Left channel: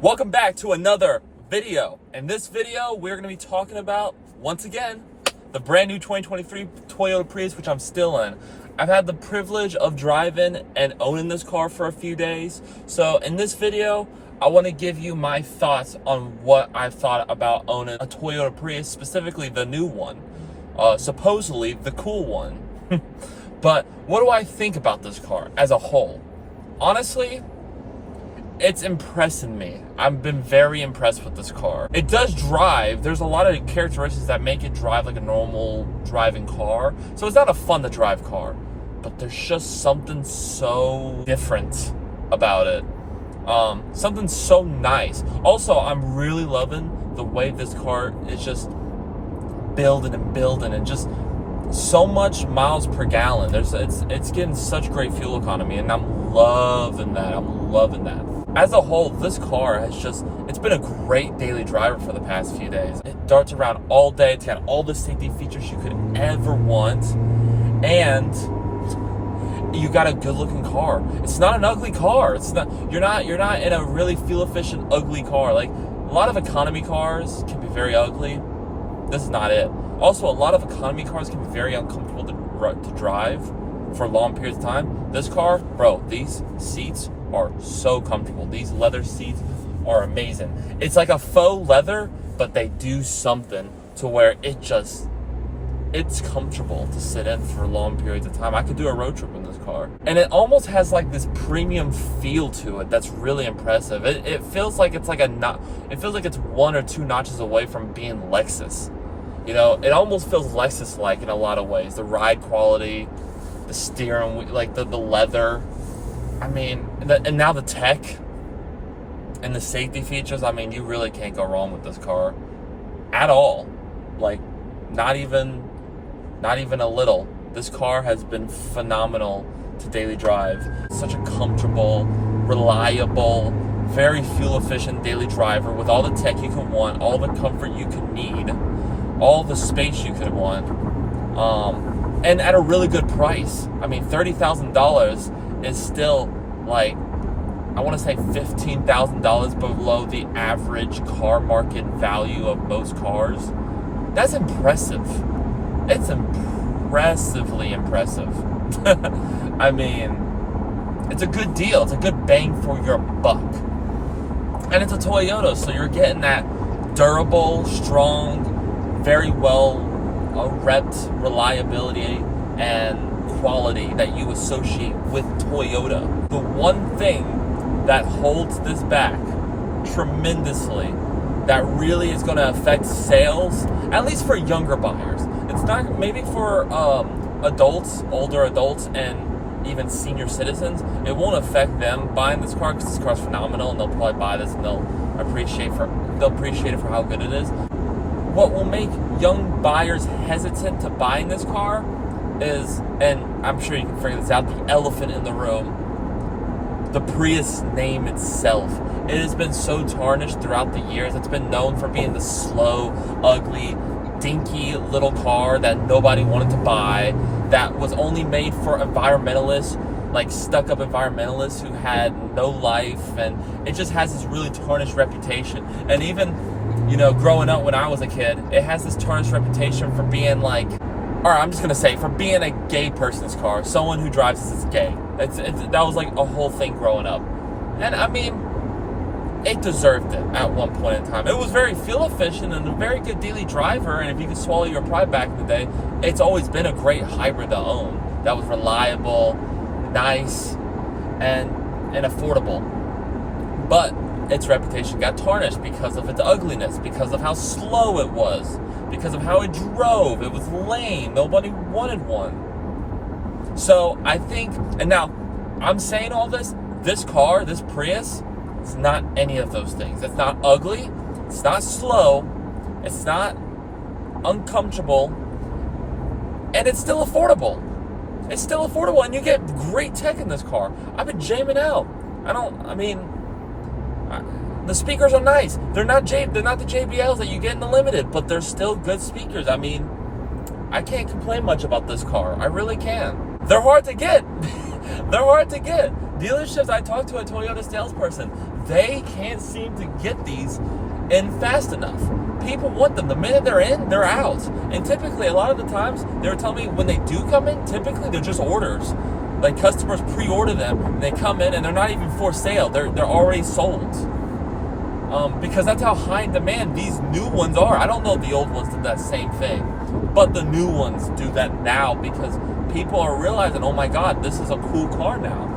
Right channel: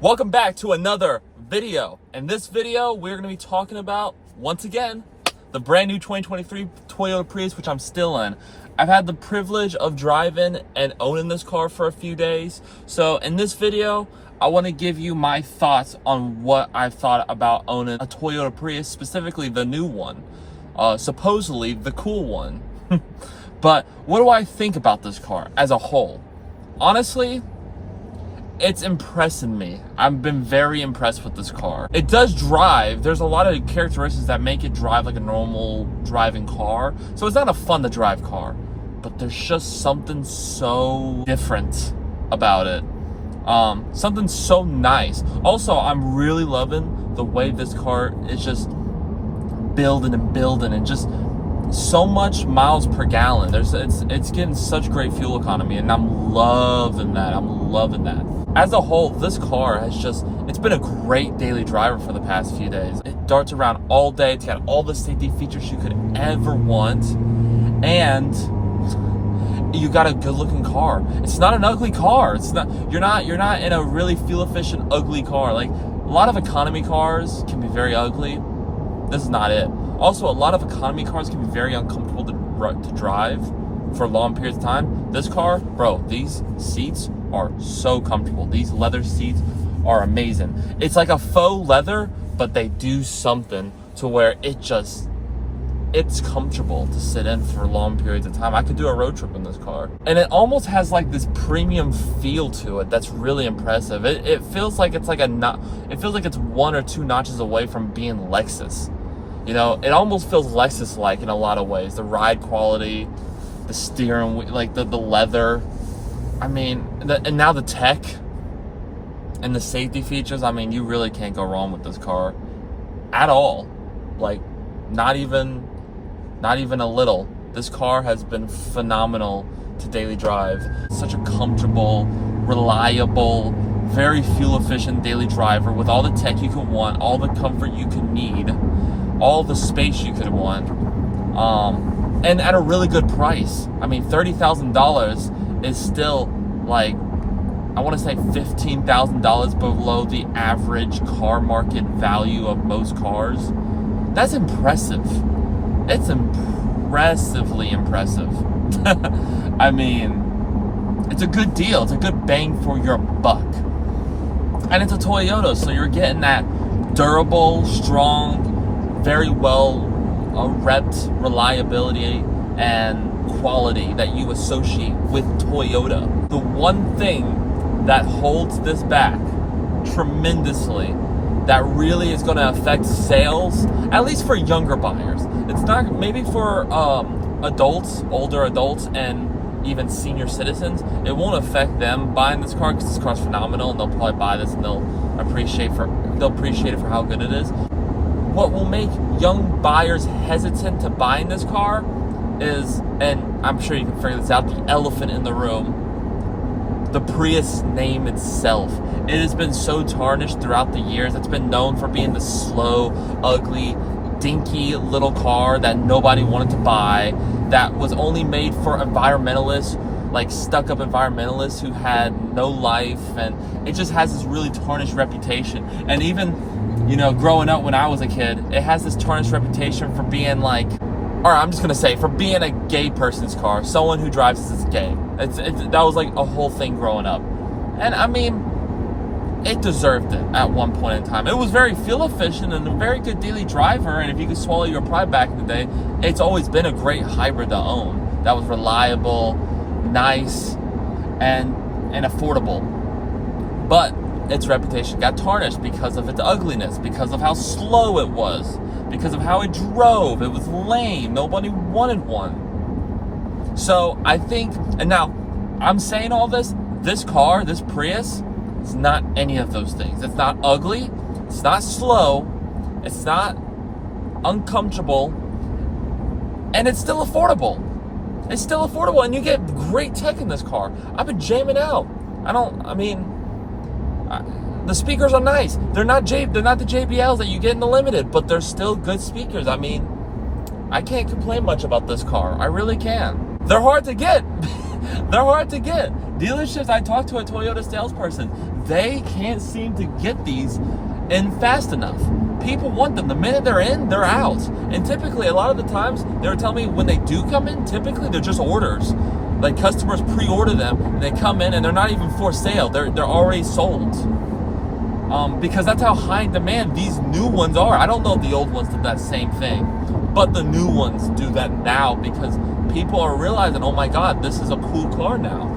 Welcome back to another video. In this video, we're going to be talking about, once again, the brand new 2023 Toyota Prius, which I'm still in. I've had the privilege of driving and owning this car for a few days. So in this video, I want to give you my thoughts on what I thought about owning a Toyota Prius, specifically the new one, supposedly the cool one. But what do I think about this car as a whole? Honestly, it's impressing me. I've been very impressed with this car. It does drive. There's a lot of characteristics that make it drive like a normal driving car. So it's not a fun to drive car, but there's just something so different about it. Something so nice. Also, I'm really loving the way this car is just building and just so much miles per gallon. It's getting such great fuel economy, and I'm loving that. As a whole, this car it's been a great daily driver for the past few days. It darts around all day. It's got all the safety features you could ever want, and you got a good looking car. It's not an ugly car. You're not in a really fuel efficient ugly car. Like a lot of economy cars can be very ugly. This is not it. Also, a lot of economy cars can be very uncomfortable to drive for long periods of time. This car, bro, these seats are so comfortable. These leather seats are amazing. It's like a faux leather, but they do something to where it's comfortable to sit in for long periods of time. I could do a road trip in this car. And it almost has like this premium feel to it that's really impressive. It feels like it's one or two notches away from being Lexus. You know, it almost feels Lexus-like in a lot of ways. The ride quality, the steering wheel, like the leather. I mean, and now the tech and the safety features. I mean, you really can't go wrong with this car at all. Like, not even a little. This car has been phenomenal to daily drive. Such a comfortable, reliable, very fuel efficient daily driver with all the tech you could want, all the comfort you could need, all the space you could want, and at a really good price. I mean, $30,000 is still, like, I want to say $15,000 below the average car market value of most cars. That's impressive. It's impressively impressive. I mean, it's a good deal. It's a good bang for your buck. And it's a Toyota, so you're getting that durable, strong, very well repped reliability and quality that you associate with Toyota. The one thing that holds this back tremendously, that really is going to affect sales, at least for younger buyers. It's not, maybe for adults, older adults, and even senior citizens, it won't affect them buying this car because this car's phenomenal, and they'll probably buy this and they'll appreciate it for how good it is. What will make young buyers hesitant to buying this car is, and I'm sure you can figure this out, the elephant in the room, the Prius name itself. It has been so tarnished throughout the years. It's been known for being the slow, ugly, dinky little car that nobody wanted to buy, that was only made for environmentalists, like stuck-up environmentalists who had no life, and it just has this really tarnished reputation. And even, you know, growing up when I was a kid, it has this tarnished reputation for being like, or I'm just gonna say, for being a gay person's car. Someone who drives this is gay. That was like a whole thing growing up. And I mean, it deserved it at one point in time. It was very fuel efficient and a very good daily driver, and if you could swallow your pride back in the day, it's always been a great hybrid to own. That was reliable, nice, and affordable. But its reputation got tarnished because of its ugliness, because of how slow it was, because of how it drove. It was lame. Nobody wanted one. So I think, and now I'm saying all this car, this Prius, it's not any of those things. It's not ugly. It's not slow. It's not uncomfortable. And it's still affordable. It's still affordable, and you get great tech in this car. I've been jamming out. The speakers are nice. They're not the JBLs that you get in the Limited, but they're still good speakers. I mean, I can't complain much about this car. I really can. They're hard to get. They're hard to get. Dealerships, I talked to a Toyota salesperson. they can't seem to get these in fast enough. People want them. The minute they're in, they're out. And typically, a lot of the times, they were telling me when they do come in, typically they're just orders. Like customers pre-order them, and they come in, and they're not even for sale. They're already sold. Because that's how high in demand these new ones are. I don't know if the old ones did that same thing, but the new ones do that now because people are realizing, oh my God, this is a cool car now.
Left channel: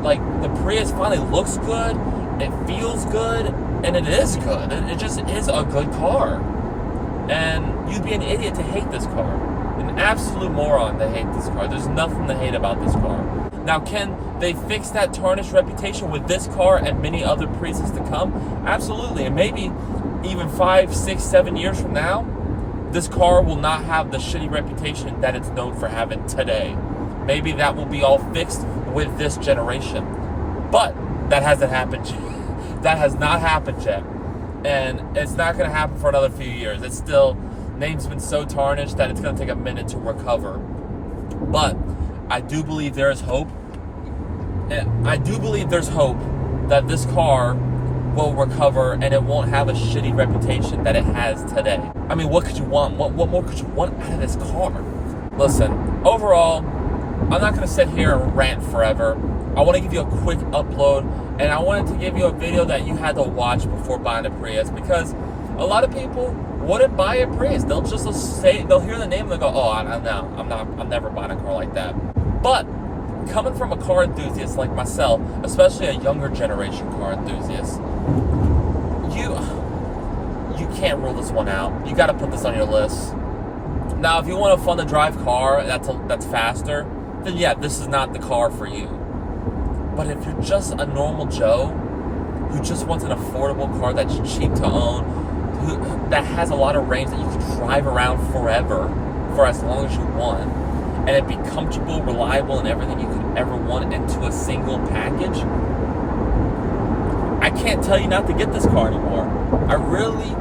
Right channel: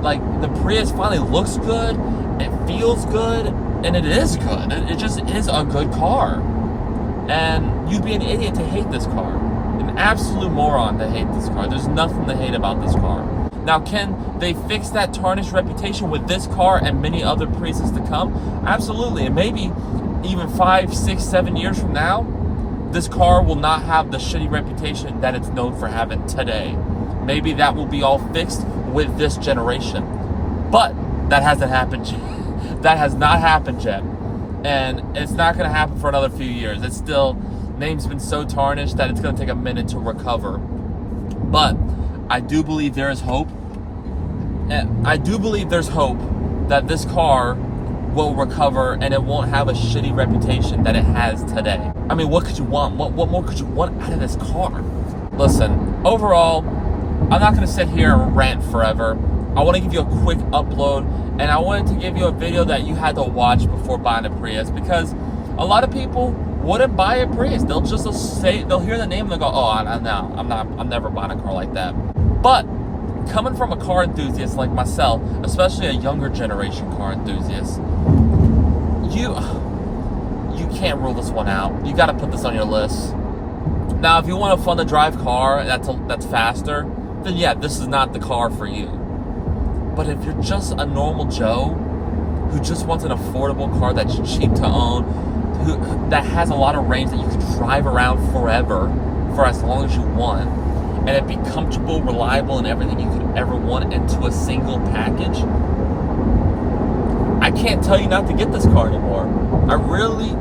Like the Prius finally looks good, it feels good, and it is good. It just is a good car. And you'd be an idiot to hate this car. An absolute moron to hate this car. There's nothing to hate about this car. Now, can they fix that tarnished reputation with this car and many other Priuses to come? Absolutely. And maybe even 5, 6, 7 years from now, this car will not have the shitty reputation that it's known for having today. Maybe that will be all fixed with this generation. But that hasn't happened yet. That has not happened yet. And it's not going to happen for another few years. It's still, name's been so tarnished that it's going to take a minute to recover. But I do believe there is hope. And I do believe there's hope that this car will recover and it won't have a shitty reputation that it has today. I mean, what could you want? What more could you want out of this car? Listen, overall, I'm not going to sit here and rant forever. I want to give you a quick upload, and I wanted to give you a video that you had to watch before buying a Prius, because a lot of people wouldn't buy a Prius. They'll just say, they'll hear the name and they'll go, oh, I'm never buying a car like that. But coming from a car enthusiast like myself, especially a younger generation car enthusiast, you can't rule this one out. You got to put this on your list. Now, if you want a fun to drive car that's faster, then yeah, this is not the car for you. But if you're just a normal Joe who just wants an affordable car that's cheap to own, that has a lot of range that you can drive around forever for as long as you want, and it be comfortable, reliable, and everything you could ever want into a single package, I can't tell you not to get this car anymore. I really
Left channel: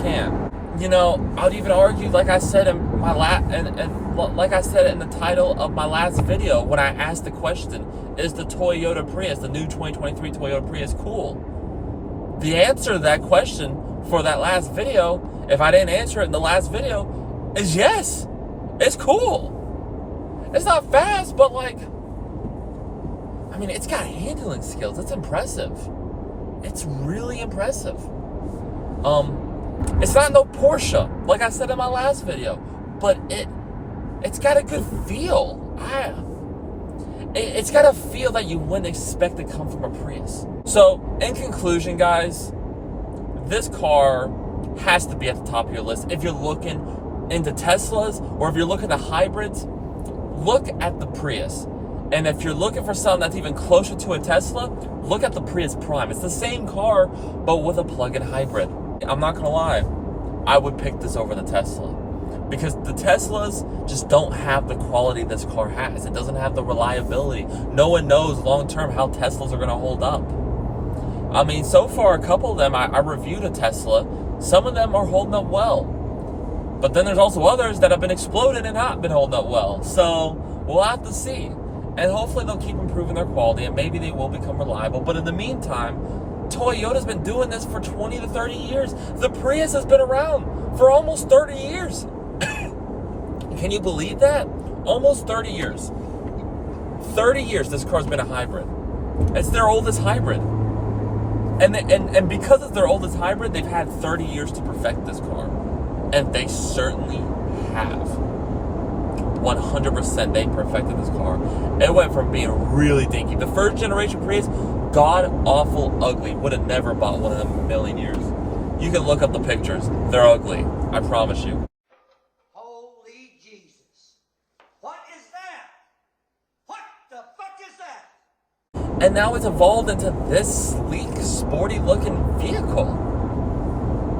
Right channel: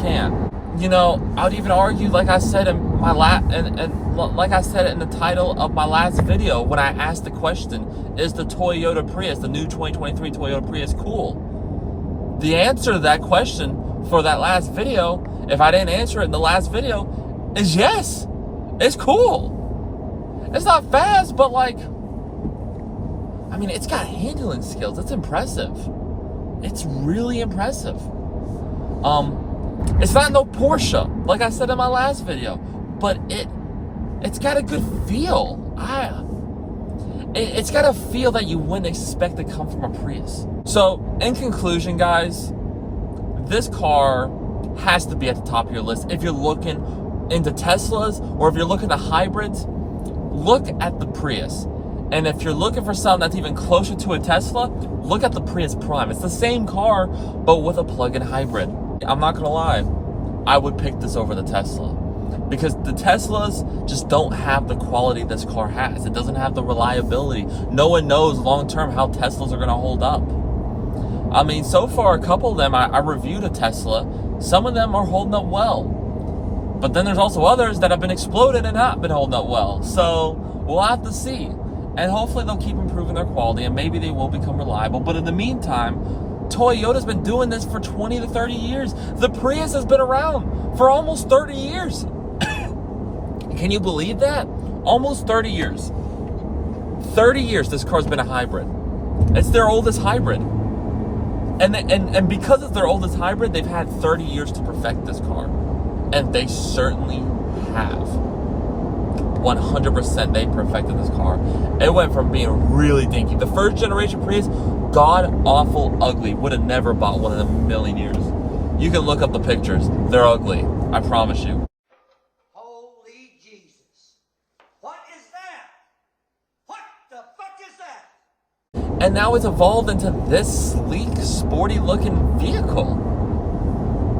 can't. You know, I would even argue, like I said in my like I said in the title of my last video, when I asked the question, is the Toyota Prius, the new 2023 Toyota Prius, cool? The answer to that question for that last video, if I didn't answer it in the last video, is yes. It's cool. It's not fast, but like, I mean, it's got handling skills. It's impressive. It's really impressive. It's not no Porsche, like I said in my last video, but it's got a good feel. It's got a feel that you wouldn't expect to come from a Prius. So, in conclusion, guys, this car has to be at the top of your list. If you're looking into Teslas, or if you're looking at hybrids, look at the Prius. And if you're looking for something that's even closer to a Tesla, look at the Prius Prime. It's the same car, but with a plug-in hybrid. I'm not gonna lie, I would pick this over the Tesla, because the Teslas just don't have the quality this car has. It doesn't have the reliability. No one knows long-term how Teslas are gonna hold up. I mean, so far, a couple of them, I reviewed a Tesla. Some of them are holding up well. But then there's also others that have been exploded and not been holding up well. So we'll have to see. And hopefully they'll keep improving their quality, and maybe they will become reliable. But in the meantime, Toyota's been doing this for 20 to 30 years. The Prius has been around for almost 30 years. Can you believe that? Almost 30 years. 30 years this car's been a hybrid. It's their oldest hybrid. And because it's their oldest hybrid, they've had 30 years to perfect this car. And they certainly have. 100% they perfected this car. It went from being really dinky. The first generation Prius, god-awful ugly. Would have never bought one in a million years. You can look up the pictures. They're ugly. I promise you. Holy Jesus. What is that? What the fuck is that? And now it's evolved into this sleek, sporty-looking vehicle.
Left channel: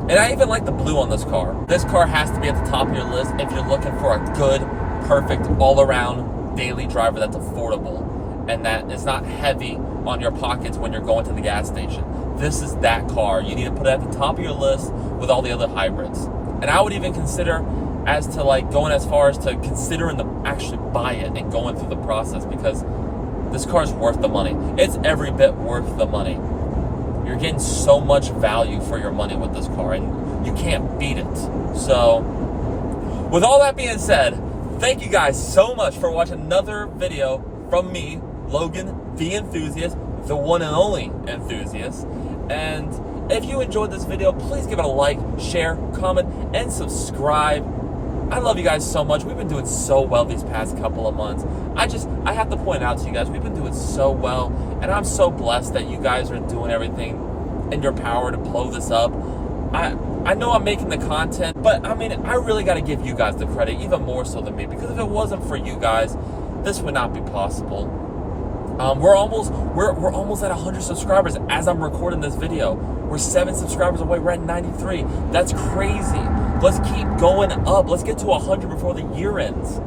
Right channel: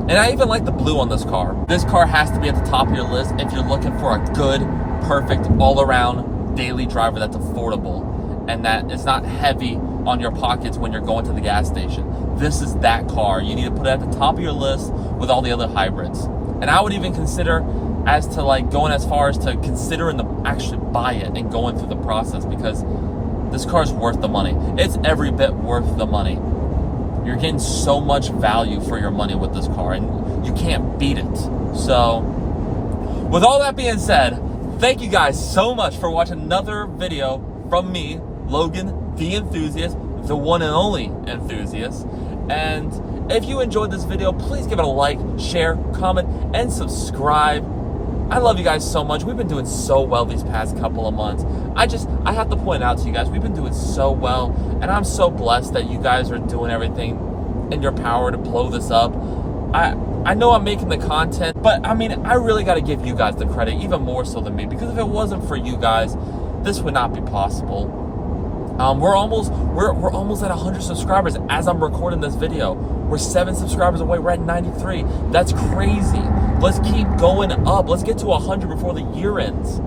And I even like the blue on this car. This car has to be at the top of your list if you're looking for a good, perfect, all-around daily driver that's affordable and that it's not heavy on your pockets when you're going to the gas station. This is that car. You need to put it at the top of your list with all the other hybrids. And I would even consider as to like going as far as to considering to actually buy it and going through the process, because this car's worth the money. It's every bit worth the money. You're getting so much value for your money with this car, and you can't beat it. So, with all that being said, thank you guys so much for watching another video from me, Logan, the enthusiast, the one and only enthusiast. And if you enjoyed this video, please give it a like, share, comment, and subscribe. I love you guys so much. We've been doing so well these past couple of months. I have to point out to you guys, we've been doing so well, and I'm so blessed that you guys are doing everything in your power to blow this up. I know I'm making the content, but I mean, I really got to give you guys the credit, even more so than me, because if it wasn't for you guys, this would not be possible. We're almost at 100 subscribers as I'm recording this video. We're 7 subscribers away. We're at 93. That's crazy. Let's keep going up. Let's get to 100 before the year ends.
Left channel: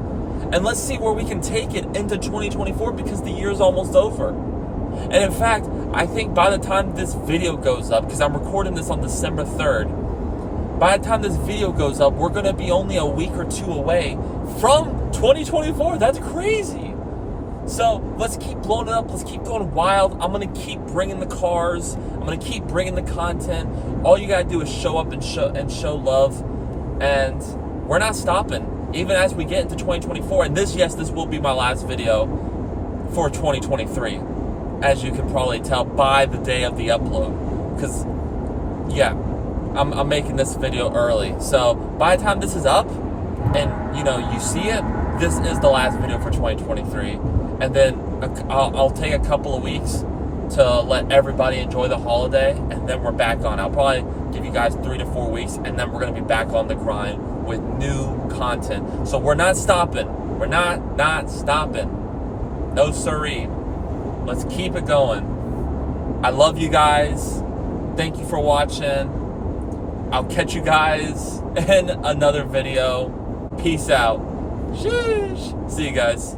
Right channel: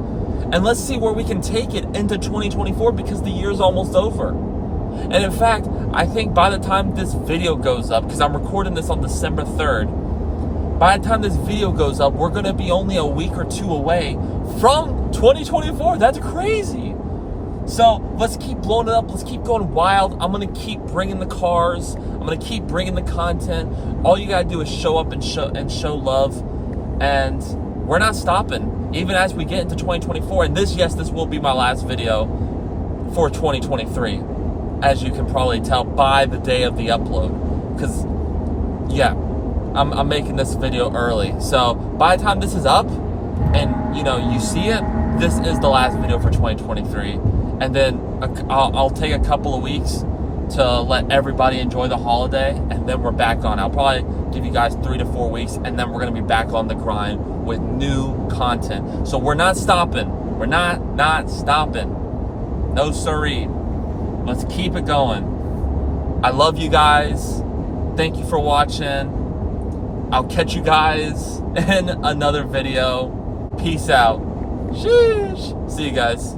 And let's see where we can take it into 2024, because the year's almost over. And in fact, I think by the time this video goes up, because I'm recording this on December 3rd, by the time this video goes up, we're going to be only a week or 2 away from 2024. That's crazy. So let's keep blowing it up. Let's keep going wild. I'm going to keep bringing the cars. I'm going to keep bringing the content. All you got to do is show up and show love. And we're not stopping, even as we get into 2024. And this will be my last video for 2023, as you can probably tell by the day of the upload. Because, yeah, I'm making this video early. So by the time this is up and, you see it, this is the last video for 2023. And then I'll take a couple of weeks to let everybody enjoy the holiday, and then we're back on. I'll probably give you guys 3 to 4 weeks, and then we're going to be back on the grind with new content. So we're not stopping. We're not stopping. No siree. Let's keep it going. I love you guys. Thank you for watching. I'll catch you guys in another video. Peace out. Sheesh. See you guys.